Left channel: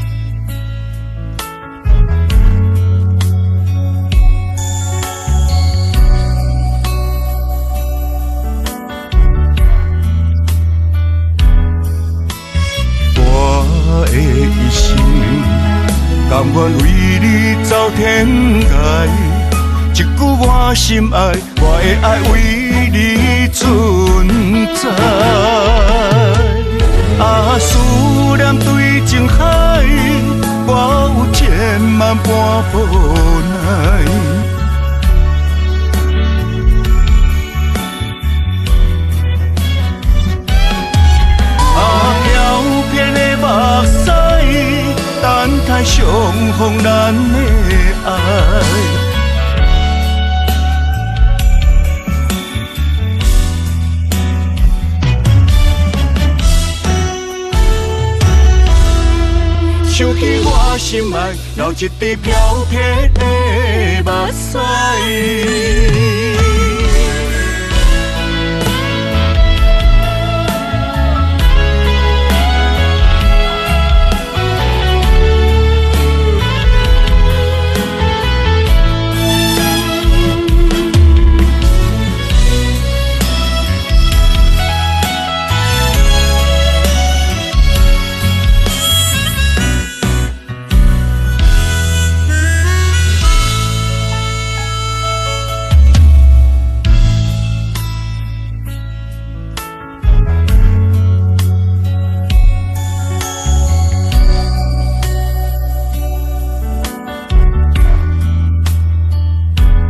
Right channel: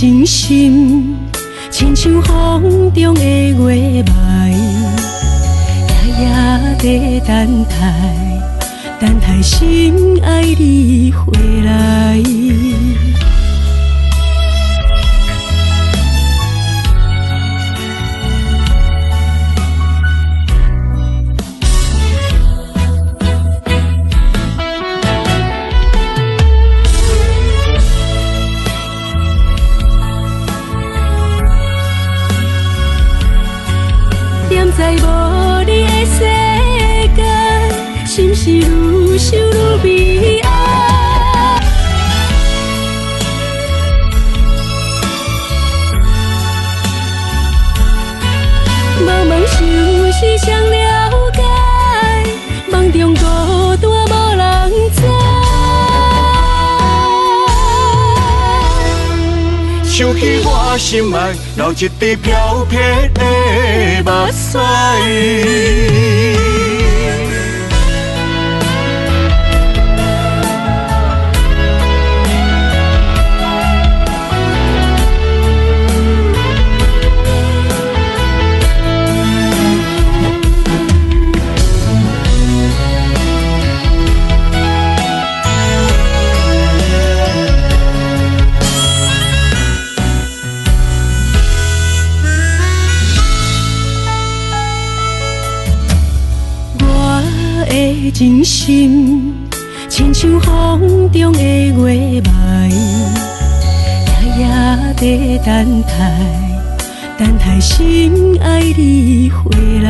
真心，亲像风中的月霾，夜在等待，等待心爱你回来。我的一生，甘愿为你走天涯。一句我心爱，我的爱为你存在。啊，思念对情海，我有千万般无奈。踮在无你的世界，心是愈想愈悲哀。飘遍的目屎，等待相逢咱的爱。茫茫世事谁了解？梦中孤单无人知。想起我心爱，流一滴飘撇的目屎。真心，亲像风中的月霾，夜在等待，等待心爱你回来。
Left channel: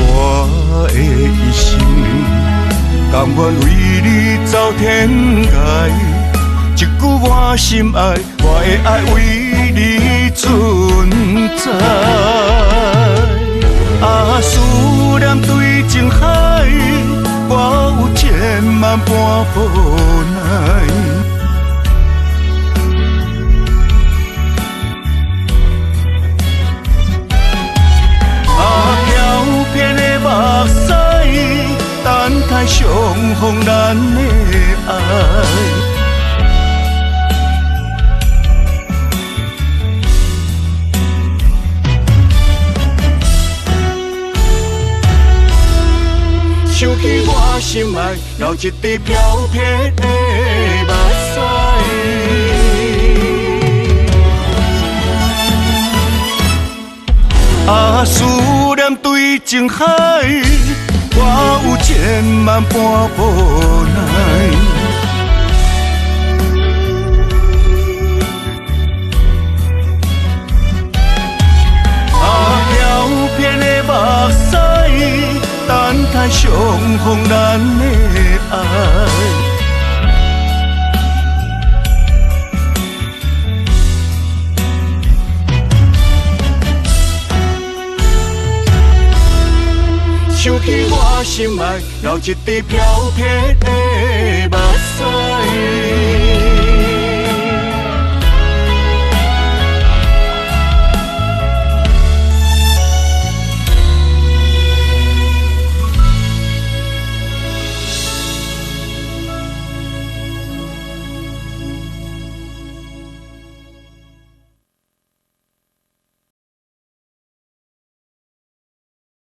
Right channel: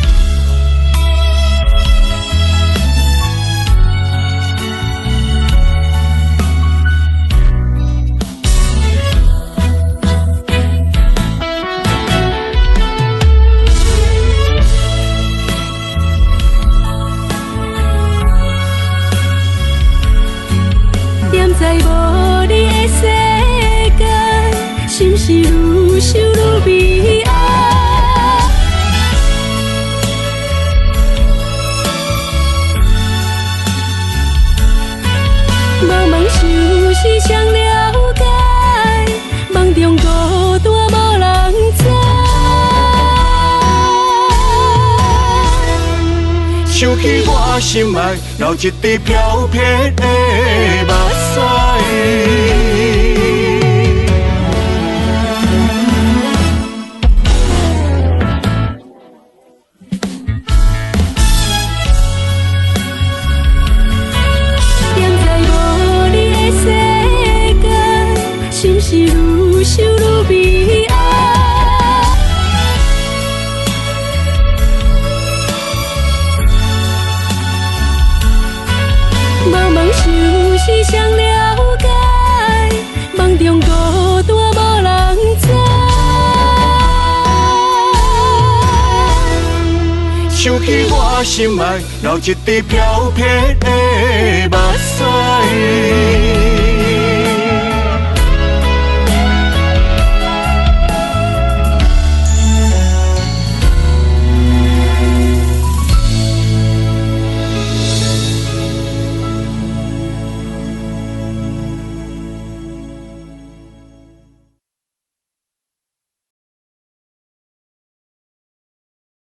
我的一生，甘愿为你走天涯。一句我心爱，我的爱为你存在。啊，思念对情海，我有千万般无奈。踮在无你的世界，心是愈想愈悲哀。飘遍的目屎，等待相逢咱的爱。茫茫世事谁了解？梦中孤单无人知。想起我心爱，流一滴飘撇的目屎。啊，思念对情海，我有千万般无奈。踮在无你的世界，心是愈想愈悲哀。飘遍的目屎，等待相逢咱的爱。茫茫世事谁了解？梦中孤单无人知。想起我心爱，流一滴飘撇的目